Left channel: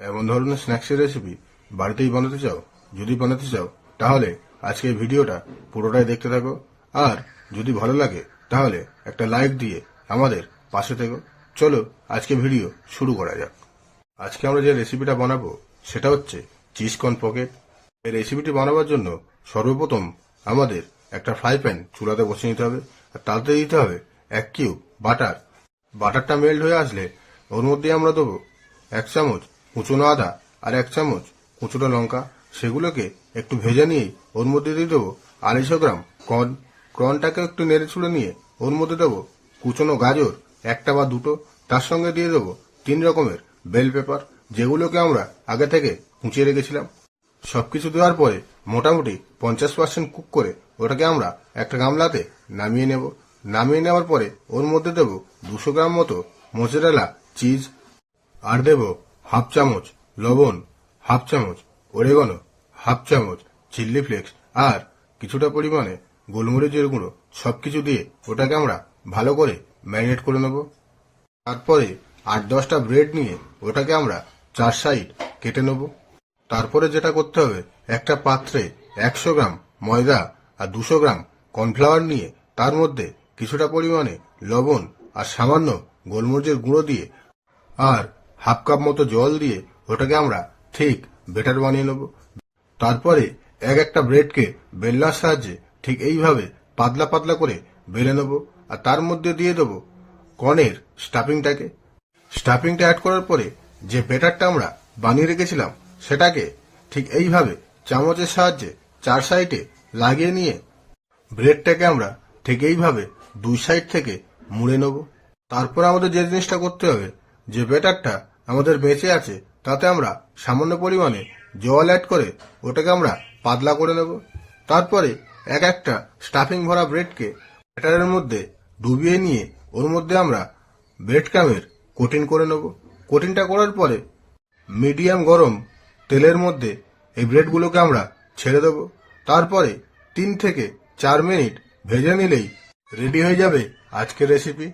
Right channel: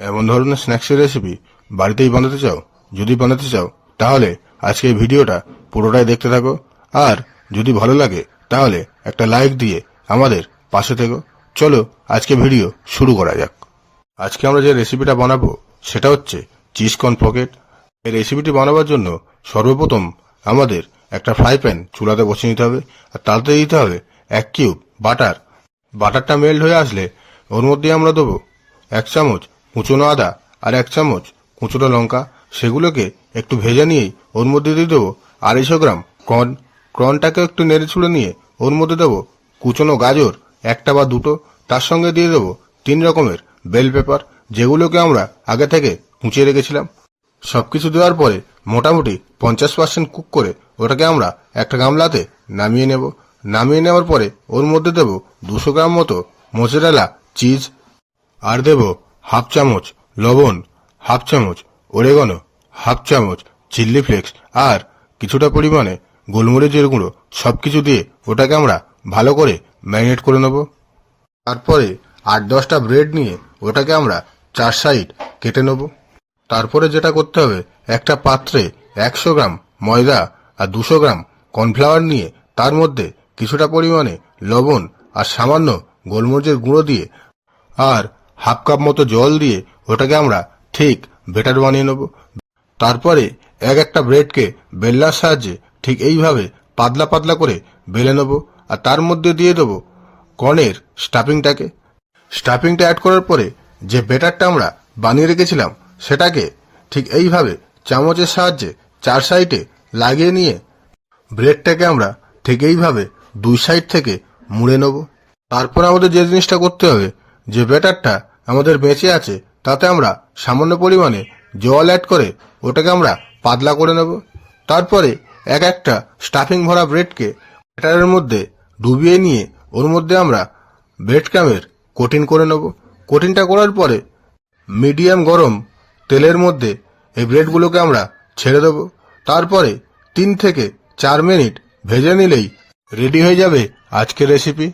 এমন ধরনের স্ন্যাক্সের রেসিপি বাড়িতেই বানাতে চাও? যদি বানাতে চাও, তাহলে আজকে ভিডিওটা পুরোটাই দেখতে থাকো। আর যদি ভালো লাগে, তাহলে একটা লাইক দিয়ে আমাদের পাশে থেকো। চলো, আজকে ভিডিও শুরু করা যাক। আজকে আমরা যে রেসিপিটা বানাবো, সেটা হচ্ছে চিজ কর্ন পকেট এই রেসিপিটি বানাবার জন্য সর্বপ্রথম আমাদের একটা ফ্রাই প্যান চুলাতে বসিয়ে নিতে হবে। আর তাতে দিতে হবে এক কিউব বাটার বাটারটা মেল্ট হয়ে আসলে ওর মধ্যে আমরা দেবো এক চামচ কুচনো আদা আর এক চামচ কুচনো লঙ্কা, সেগুলোকে একটু ভেজে নিয়েই ওর মধ্যে দিয়ে দেবো আড়াইশো গ্রাম কর্ন। কর্নটাকে একটু নেড়ে ছুড়ে নিয়ে ওর মধ্যে দেবো কুচনো গাজর, একটা বা দুটো। তার সঙ্গে দিয়ে দেবো তিন রকমের বেল পেপার, যেগুলোকে আমরা আগে থেকে কুচিয়ে রেখেছিলাম। সবকিছু দেওয়ার পরে মোটামুটি পঞ্চাশ পার্সেন্ট কুক করে ওটাকে আমরা একটা গামলাতে নামিয়ে নেব। নামিয়ে নেওয়ার পরে ওর মধ্যে দেব দুশো গ্রাম মতো মোজারেলা চিজ। আর দেব হাফ চামচ লবণ, হাফ চামচ ওরেগনো, হাফ চামচ চিল্লি ফ্লেক্স আর কিছুটা পরিমাণে গোলমরিচের গুঁড়ো সব কিছু দিয়ে ওটাকে আমরা ভালো করে ম্যারিনেট করে নেব। তারপরে আট দশটা ব্রেড নিয়ে ওটাকে আমরা চার সাইড কেটে নেব। তারপরে যেটা করতে হবে, একটা পাত্রে একশো গ্রাম ময়দা আর দুশো গ্রাম কর্নফ্লাওয়ার নিয়ে তার মধ্যে কিছুটা পরিমাণে লবণ আর সামান্য গোলমরিচের গুঁড়ো দিয়ে আর হাফ কাপ মতো জল দিয়ে ওটাকে আমরা ঠিক বেটার বানিয়ে নেব। তারপরে এক একটা ব্রেডকে বেল্লার সাহায্যে ঠিক এইভাবে পাতলা পাতলা করে বেলে নেব আর তার মধ্যে দিয়ে দেবো কর্নের স্টাফিংটাকে। স্টাফিংটা অ্যাড করার পরে যে বেটারটা আমরা বানিয়ে রেখেছিলাম সেটাকে ঠিক এইভাবে চামচের সাহায্যে চার সাইডে লাগিয়ে নিয়ে ব্রেডটাকে আমরা ঠিক এইভাবে দুই সাইড থেকে মুড়ে নেব। তারপর আমাদের যে জিনিসটা করতে হবে যে ব্যাটারটা আমাদের বেঁচে আছে, তাতে আমরা সামান্য পরিমাণে জল অ্যাড করে ওটাকে আমরা পাতলা করে নেব। তারপরে এক একটা স্টাফিং ভরা ব্রেডকে ব্যাটারের মধ্যে ডুবিয়ে নিয়ে ওর মধ্যে আমরা ব্রেড ক্রামের কোটিং করে নেব। কোটিংটা করার পরে মিডিয়াম গরম তেলের মধ্যে এই ব্রেডগুলোকে আমরা ছেড়ে দেবো। তারপরে তিন থেকে চার মিনিট ভেজে নিলেই রেডি হয়ে যাবে আজকের রেসিপি